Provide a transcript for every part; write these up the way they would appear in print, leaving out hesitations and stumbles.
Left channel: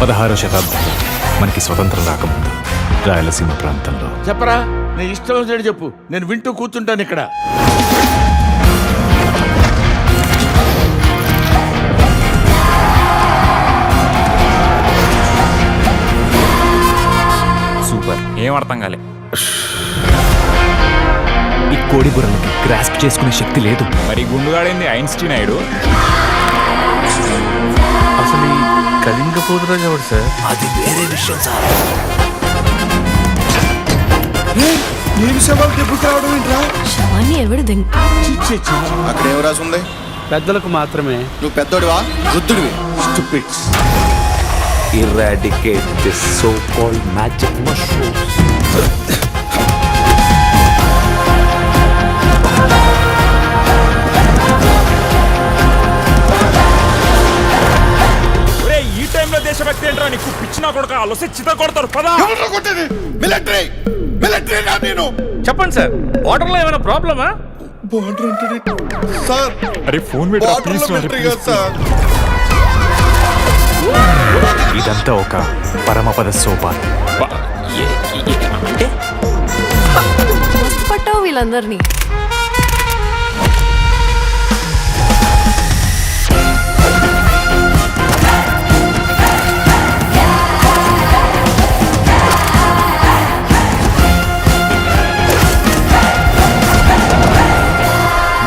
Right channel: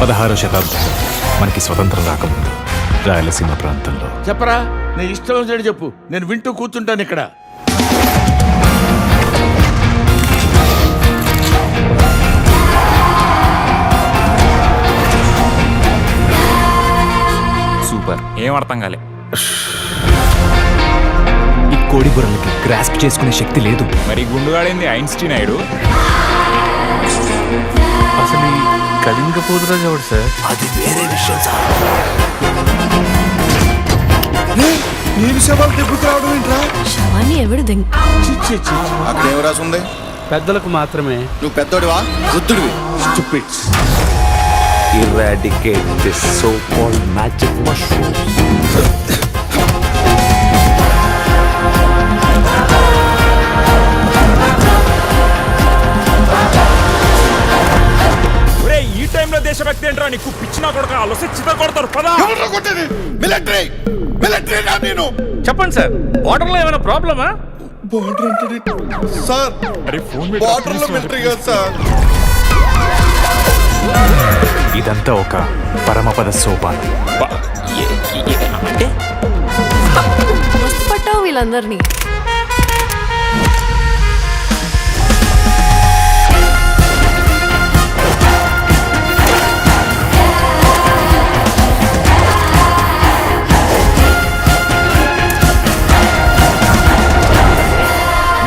16వ శతాబ్దంలో మనకి స్వతంత్రం రాకముందు రాయలసీమ ప్రాంతంలో. చెప్పరా, నీ ఇష్టం వచ్చేది చెప్పు, నేను వింటూ కూర్చుంటాను ఇక్కడ. సూపర్, ఏం అర్థం కాలే. ఈ కోడి బుర్రలకి గ్రాస్ప్ చేసుకునే శక్తి లేదు. మరి గుండుగాడింది ఐన్స్టీన్ అయ్యాడు. అసలు ఈ కళింగ పోతురాజు ఎవడు సార్? అది వేరే విషయం సార్. నేను శవాలు దెబ్బకు రావడం ఏంట్రా? శవాన్ని ఎవడు అక్కడ ఏం రాసి ఉంది? పెద్దలకు మాత్రమే. నువ్వు పెద్దోడివా వృద్ధుడివి? Stupids. Eradicate this so-called magic mushrooms. ఈ టైంలో దేశభక్తి ఏంట్రా నీకు? పిచ్చినా కొడుక అలసి చిత కొడతారు. పదా నేను చెప్పండి సార్, బార్డర్ లో ఏమైనా ప్రాబ్లమా? బార్డర్ అంటే సార్, అరే ఫోన్ బార్డర్ లో మిలిటరీ కాదు సార్. ఇదంతా ఒక పరమపద సోపానం. అంటే మస్తు పట్టావు వీళ్ళందరినీ.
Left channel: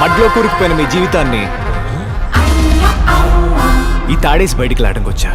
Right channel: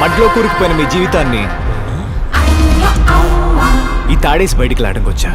మడ్లో కూరుకుపోయిన మీ జీవితాన్ని ఈ తాడేసి బయటికి లాటంకొచ్చా.